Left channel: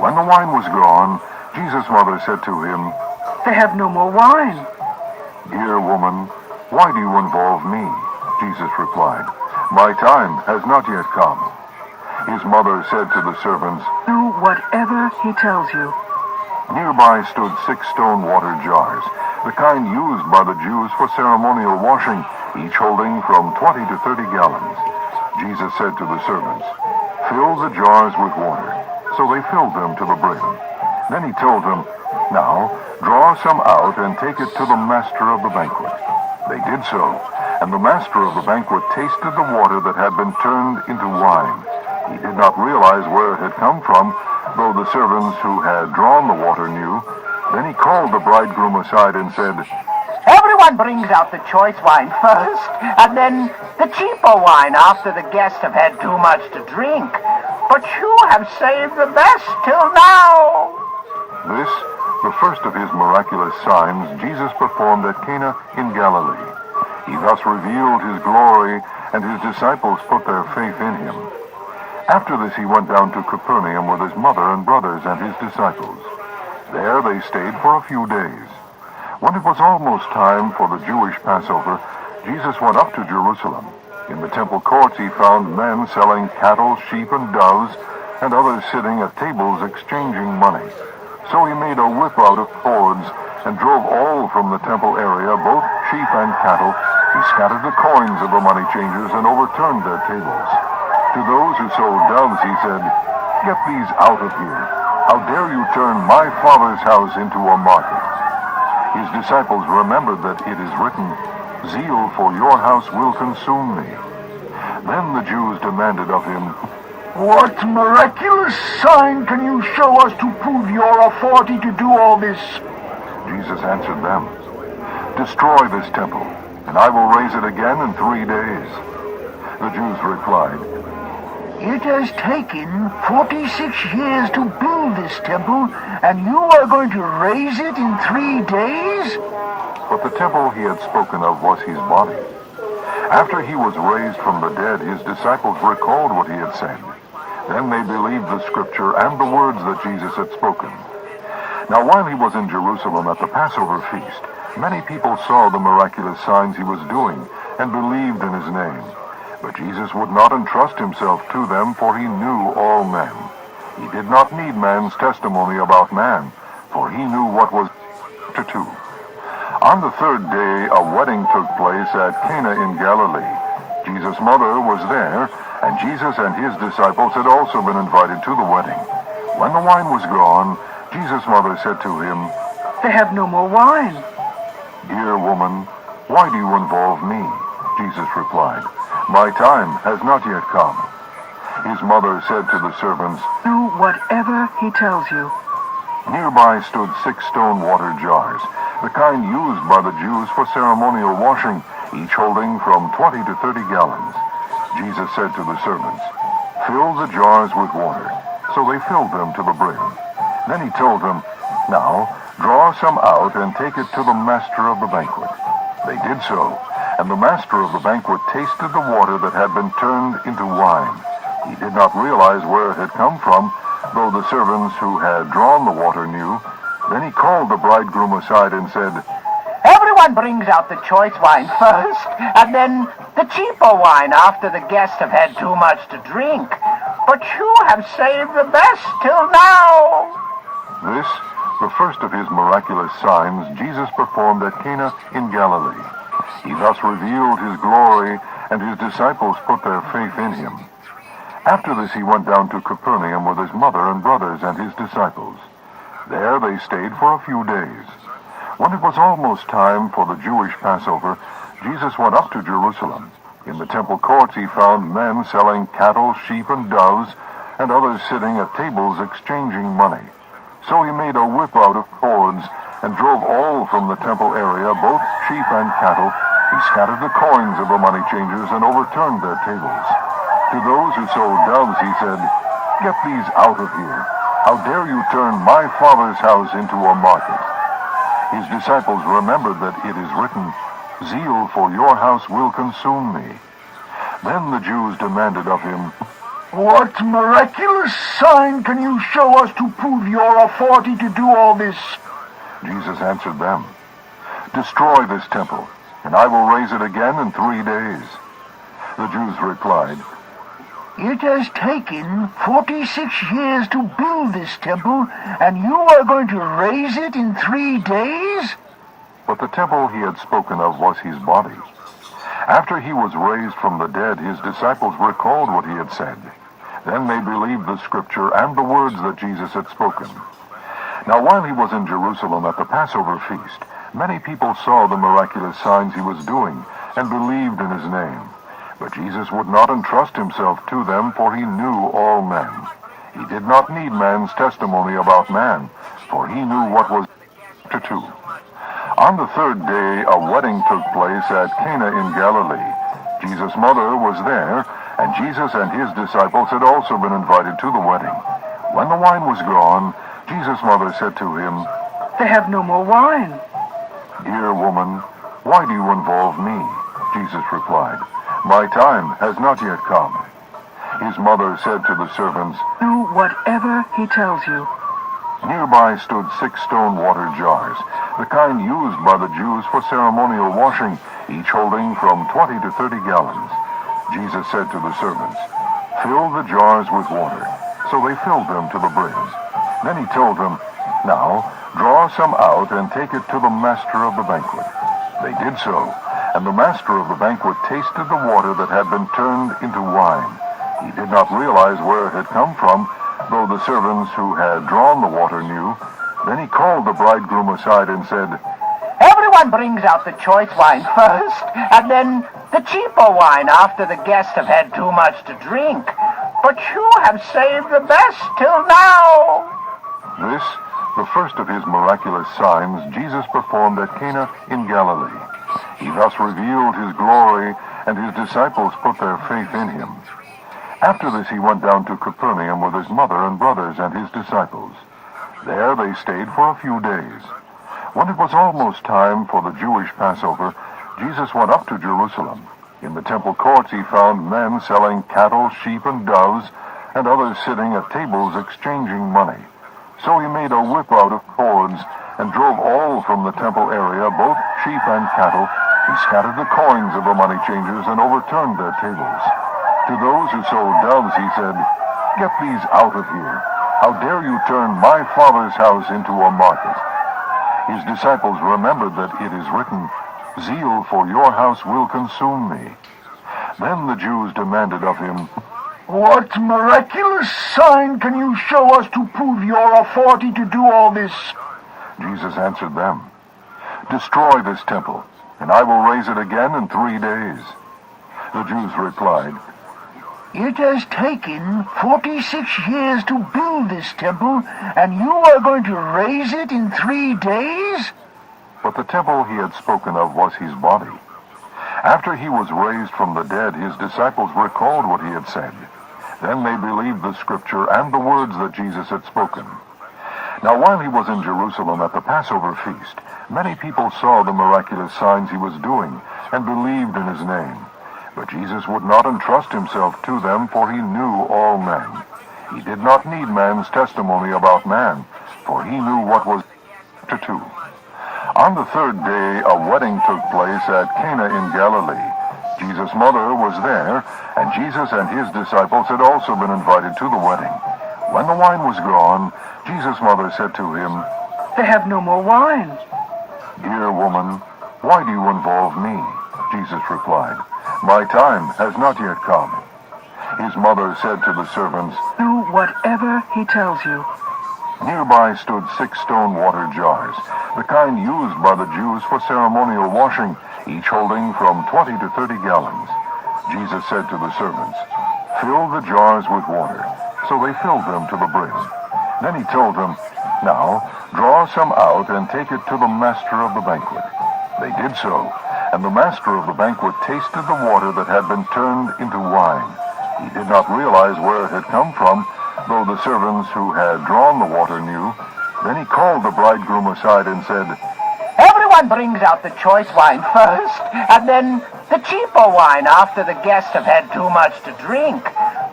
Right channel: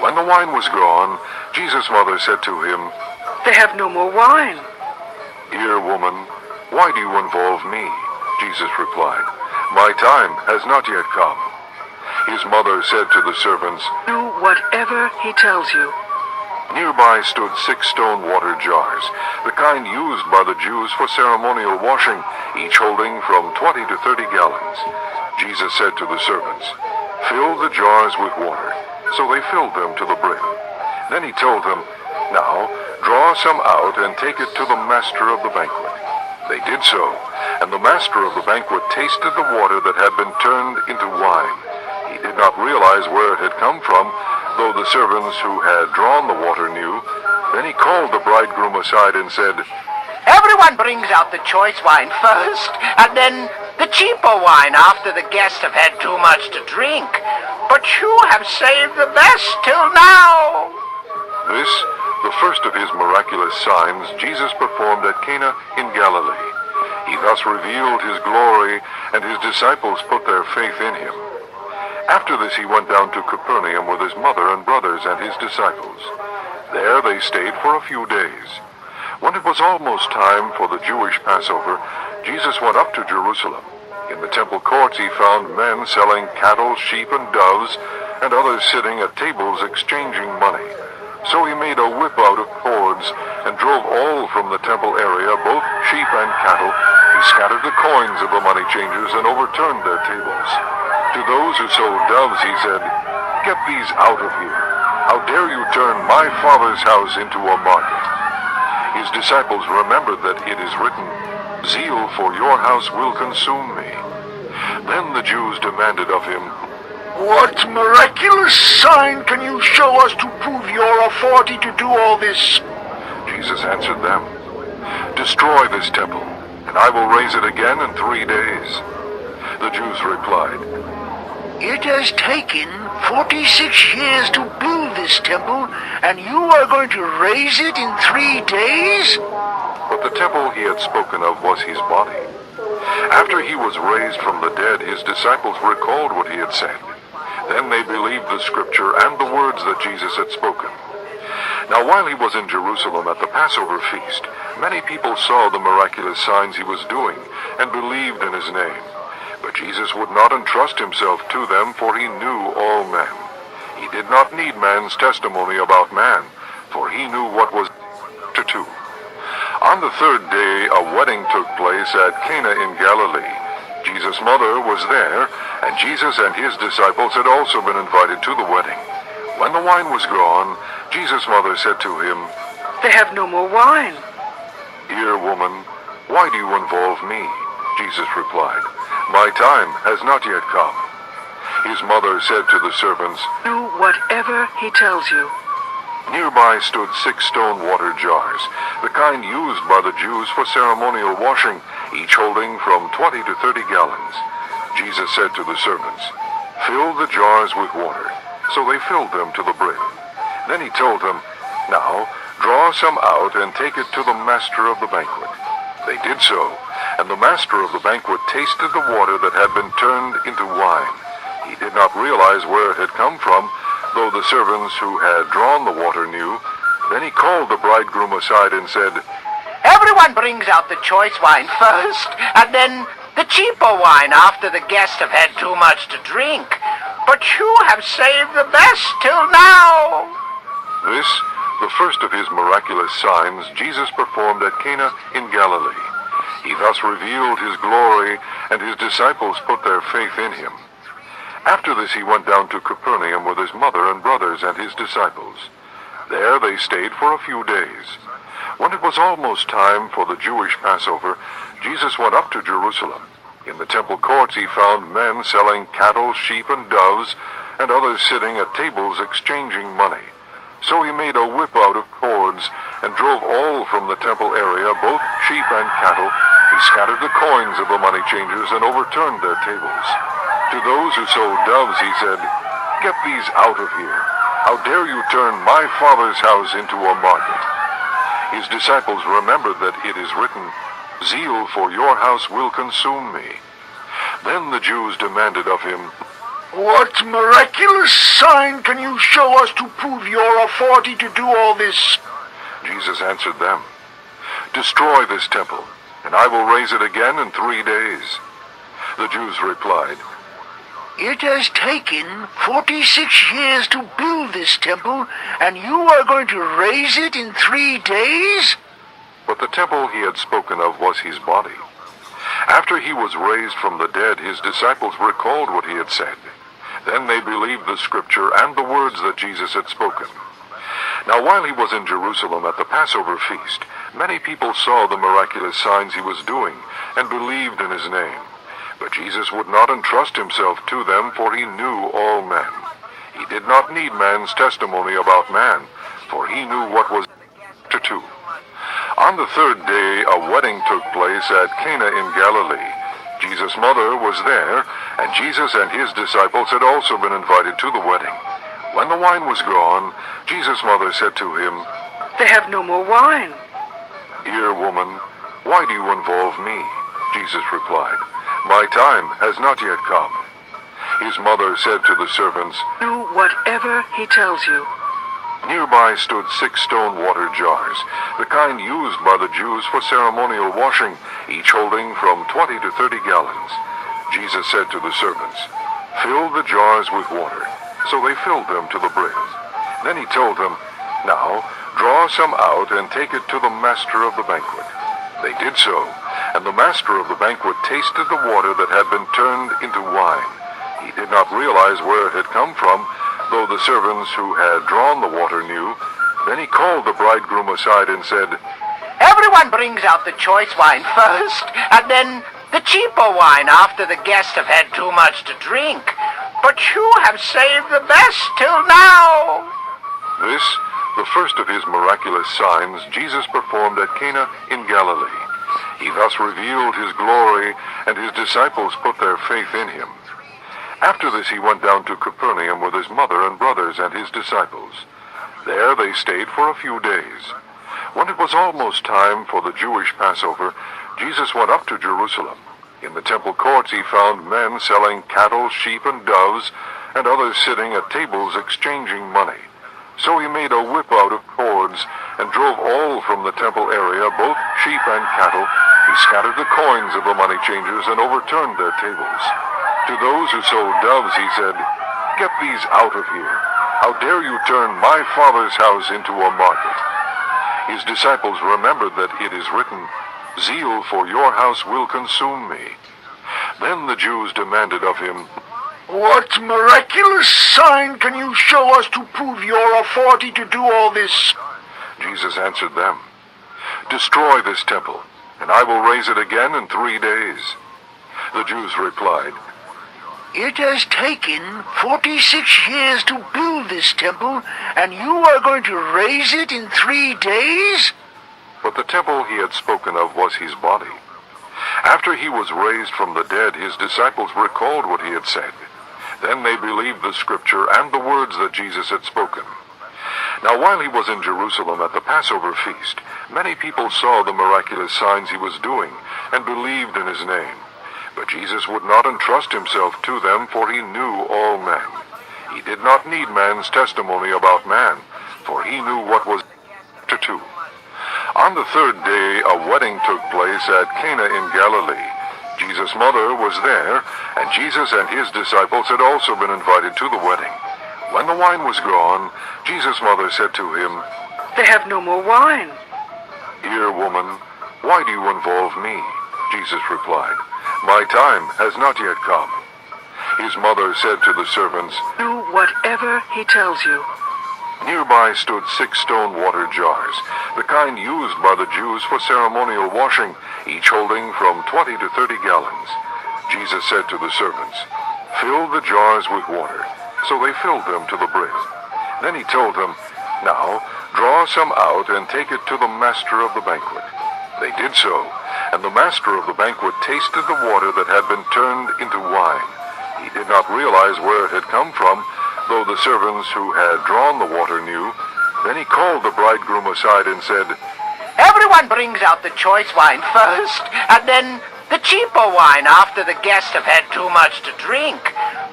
When the wine was gone, Jesus' mother said to him, "They have no more wine." "Dear woman, why do you involve me?" Jesus replied, "My time has not yet come." His mother said to the servants, "Do whatever he tells you." Nearby stood 6 stone water jars, the kind used by the Jews for ceremonial washing, each holding from 20 to 30 gallons. Jesus said to the servants, "Fill the jars with water." So they filled them to the brim. Then he told them, "Now draw some out and take it to the master of the banquet." They did so, and the master of the banquet tasted the water that had been turned into wine. He did not realize where it had come from, though the servants who had drawn the water knew. Then he called the bridegroom aside and said, "Everyone brings out the choice wine first, and then the cheaper wine after the guests have had too much to drink. But you have saved the best till now." This, the first of his miraculous signs, Jesus performed at Cana in Galilee. He thus revealed his glory, and his disciples put their faith in him. After this he went down to Capernaum with his mother and brothers and his disciples. There they stayed for a few days. When it was almost time for the Jewish Passover, Jesus went up to Jerusalem. In the temple courts he found men selling cattle, sheep, and doves, and others sitting at tables exchanging money. So he made a whip out of cords and drove all from the temple area, both sheep and cattle. He scattered the coins of the money changers and overturned their tables. To those who sold doves he said, "Get these out of here. How dare you turn my Father's house into a market?" His disciples remembered that it is written, "Zeal for your house will consume me." Then the Jews demanded of him, "What miraculous sign can you show us to prove your authority to do all this?" Jesus answered them, "Destroy this temple, and I will raise it again in 3 days." The Jews replied, "It has taken 46 years to build this temple, and you are going to raise it in 3 days?" But the temple he had spoken of was his body. After he was raised from the dead, his disciples recalled what he had said. Then they believed the scripture and the words that Jesus had spoken. Now while he was in Jerusalem at the Passover feast, many people saw the miraculous signs he was doing and believed in his name. But Jesus would not entrust himself to them, for he knew all men. He did not need man's testimony about man, for he knew what was to do. On the 3rd day, a wedding took place at Cana in Galilee. Jesus' mother was there, and Jesus and his disciples had also been invited to the wedding. When the wine was gone, Jesus' mother said to him, "They have no more wine." "Dear woman, why do you involve me?" Jesus replied, "My time has not yet come." His mother said to the servants, "Do whatever he tells you." Nearby stood 6 stone water jars, the kind used by the Jews for ceremonial washing, each holding from 20 to 30 gallons. Jesus said to the servants, "Fill the jars with water." So they filled them to the brim. Then he told them, "Now draw some out and take it to the master of the banquet." They did so, and the master of the banquet tasted the water that had been turned into wine. He did not realize where it had come from, though the servants who had drawn the water knew. Then he called the bridegroom aside and said, "Everyone brings out the choice wine first, and then the cheaper wine after the guests have had too much to drink. But you have saved the best till now." This, the first of his miraculous signs, Jesus performed at Cana in Galilee. He thus revealed his glory, and his disciples put their faith in him. After this he went down to Capernaum with his mother and brothers and his disciples. There they stayed for a few days. When it was almost time for the Jewish Passover, Jesus went up to Jerusalem. In the temple courts he found men selling cattle, sheep, and doves, and others sitting at tables exchanging money. So he made a whip out of cords and drove all from the temple area, both sheep and cattle. He scattered the coins of the money changers and overturned their tables. To those who sold doves he said, "Get these out of here. How dare you turn my Father's house into a market?" His disciples remembered that it is written, "Zeal for your house will consume me." Then the Jews demanded of him, What miraculous sign can you show us to prove your authority to do all this? Jesus answered them, "Destroy this temple, and I will raise it again in 3 days." The Jews replied, It has taken 46 years to build this temple, and you are going to raise it in 3 days? But the temple he had spoken of was his body. After he was raised from the dead, his disciples recalled what he had said. Then they believed the scripture and the words that Jesus had spoken. Now while he was in Jerusalem at the Passover feast, many people saw the miraculous signs he was doing and believed in his name. But Jesus would not entrust himself to them, for he knew all men. He did not need man's testimony about man, for he knew what was to do. On the third day, a wedding took place at Cana in Galilee. Jesus' mother was there, and Jesus and his disciples had also been invited to the wedding. When the wine was gone, Jesus' mother said to him, They have no more wine. "Dear woman, why do you involve me?" Jesus replied, "My time has not yet come." His mother said to the servants, Do whatever he tells you. Nearby stood 6 stone water jars, the kind used by the Jews for ceremonial washing, each holding from 20 to 30 gallons. Jesus said to the servants, "Fill the jars with water." So they filled them to the brim. Then he told them, "Now draw some out and take it to the master of the banquet." They did so, and the master of the banquet tasted the water that had been turned into wine. He did not realize where it had come from, though the servants who had drawn the water knew. Then he called the bridegroom aside and said, Everyone brings out the choice wine first, and then the cheaper wine after the guests have had too much to drink. But you have saved the best till now. This, the first of his miraculous signs, Jesus performed at Cana in Galilee. He thus revealed his glory, and his disciples put their faith in him. After this he went down to Capernaum with his mother and brothers and his disciples. There they stayed for a few days. When it was almost time for the Jewish Passover, Jesus went up to Jerusalem. In the temple courts he found men selling cattle, sheep, and doves, and others sitting at tables exchanging money. So he made a whip out of cords and drove all from the temple area, both sheep and cattle. He scattered the coins of the money changers and overturned their tables. To those who sold doves he said, "Get these out of here. How dare you turn my Father's house into a market?" His disciples remembered that it is written, "Zeal for your house will consume me." Then the Jews demanded of him, What miraculous sign can you show us to prove your authority to do all this? Jesus answered them, "Destroy this temple, and I will raise it again in 3 days." The Jews replied, It has taken 46 years to build this temple, and you are going to raise it in 3 days? But the temple he had spoken of was his body. After he was raised from the dead, his disciples recalled what he had said. Then they believed the scripture and the words that Jesus had spoken. Now while he was in Jerusalem at the Passover feast, many people saw the miraculous signs he was doing and believed in his name. But Jesus would not entrust himself to them, for he knew all men. He did not need man's testimony about man, for he knew what was to do. On the third day, a wedding took place at Cana in Galilee. Jesus' mother was there, and Jesus and his disciples had also been invited to the wedding. When the wine was gone, Jesus' mother said to him, They have no more wine. "Dear woman, why do you involve me?" Jesus replied, "My time has not yet come." His mother said to the servants, Do whatever he tells you. Nearby stood 6 stone water jars, the kind used by the Jews for ceremonial washing, each holding from 20 to 30 gallons. Jesus said to the servants, "Fill the jars with water." So they filled them to the brim. Then he told them, "Now draw some out and take it to the master of the banquet." They did so, and the master of the banquet tasted the water that had been turned into wine. He did not realize where it had come from, though the servants who had drawn the water knew. Then he called the bridegroom aside and said, Everyone brings out the choice wine first, and then the cheaper wine after the guests have had too much to drink.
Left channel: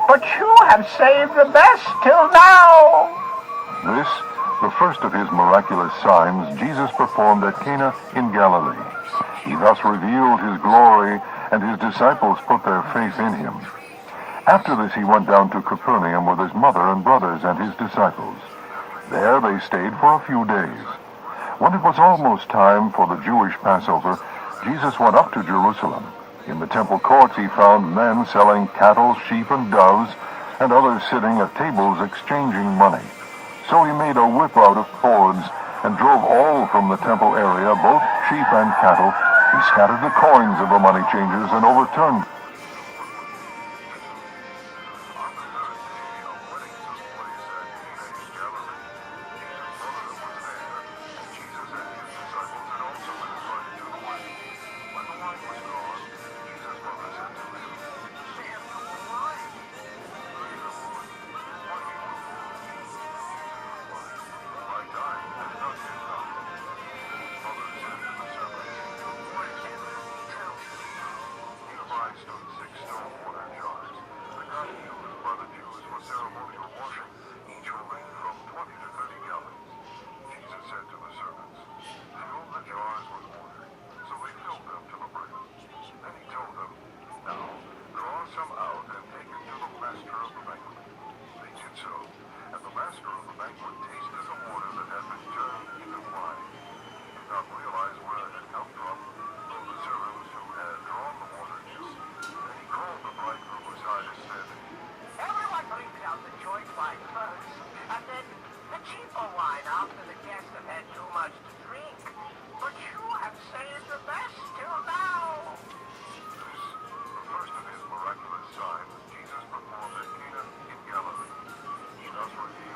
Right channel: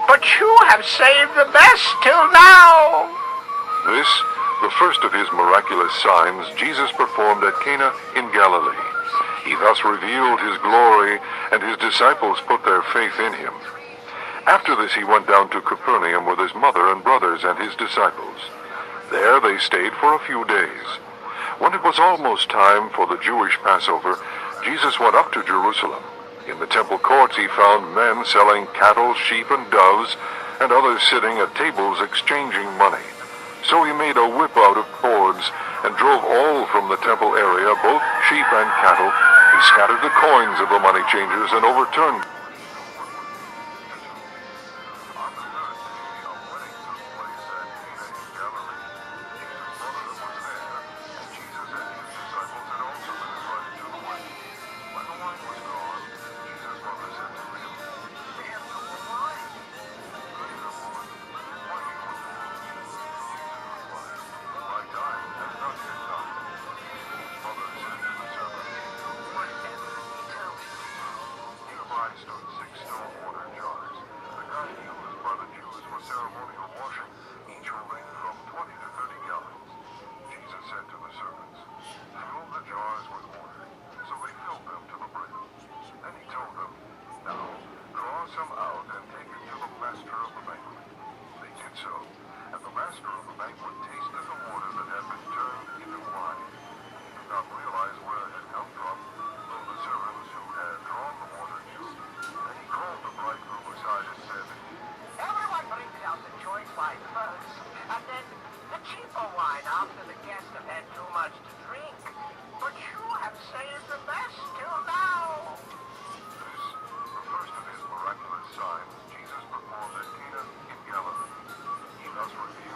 but you have saved the best till now. This, the first of his miraculous signs, Jesus performed at Cana in Galilee. He thus revealed his glory, and his disciples put their faith in him. After this he went down to Capernaum with his mother and brothers and his disciples. There they stayed for a few days. When it was almost time for the Jewish Passover, Jesus went up to Jerusalem. In the temple courts he found men selling cattle, sheep, and doves, and others sitting at tables exchanging money. So he made a whip out of cords and drove all from the temple area, both sheep and cattle. He scattered the coins of the money changers and overturned signs Jesus performed at Cana in Galilee. He thus revealed